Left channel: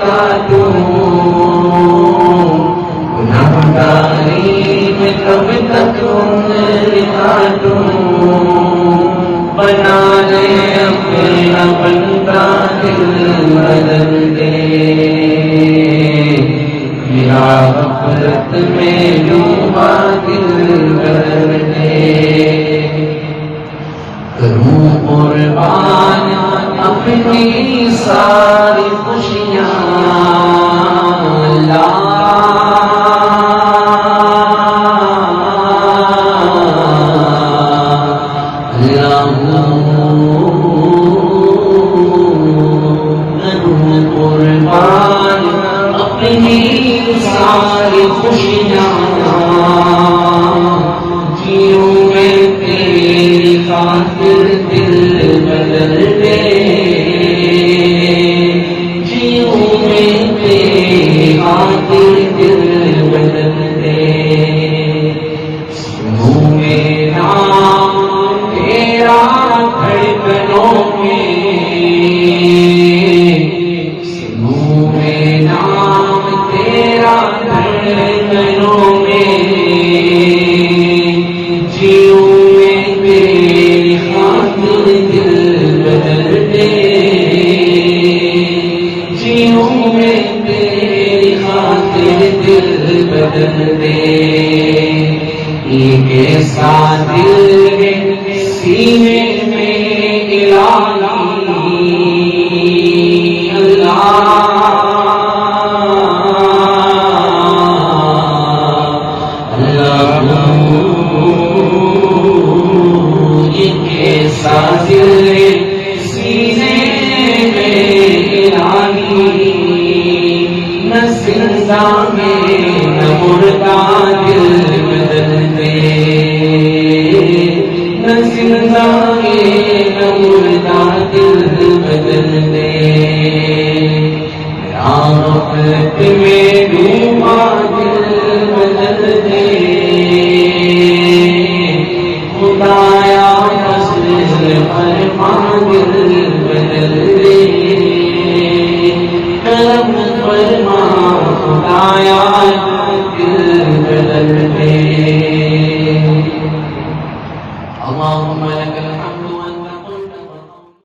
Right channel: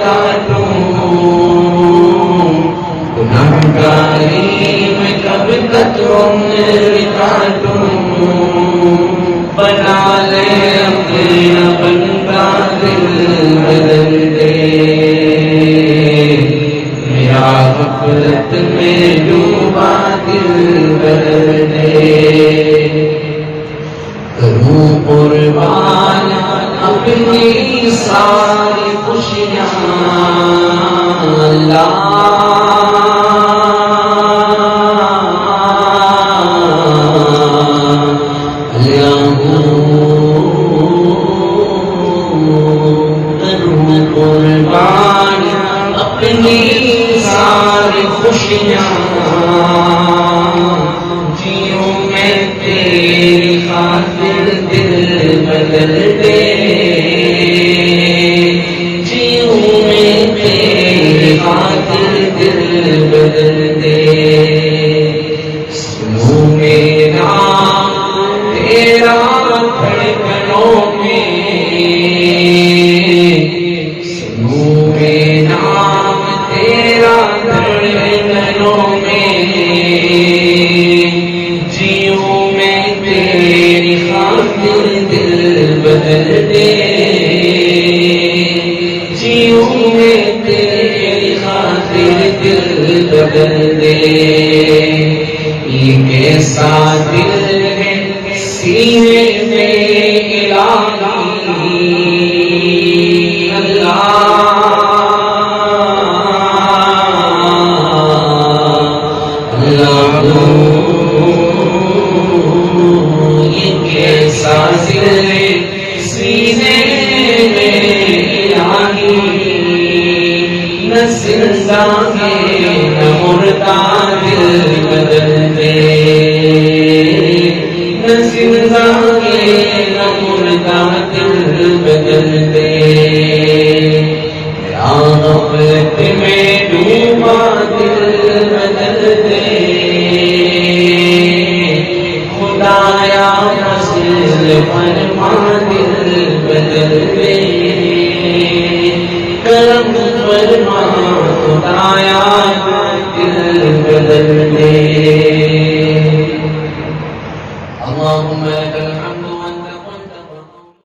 کاٹوں گناہگاری میں کب تک عمر کاٹوں بنا لے اپنا بندہ دل بدل دے میرا غفلت میں ڈوبا دل بدل دے کروں قربان اپنی ساری خوشیاں اللہ قربان اپنی ساری خوشیاں جیوں میں تیری خاطر دل بدل دے جیوں میں تیری خاطر دل بدل دے منہ میں نام تیرا دھڑکنوں میں بدل دے یہ کیسا دل ہے سینے میں الہی اللہ اللہ یہ کیسا دل ہے سینے میں الہی نہ زندہ مردہ دل بدل دے نہ زندہ نہ مردہ دل بدل دے رحمت میں ڈوبا دل بدل دے خدایا فضل فرما دل بدل دے کرم فرما خدایا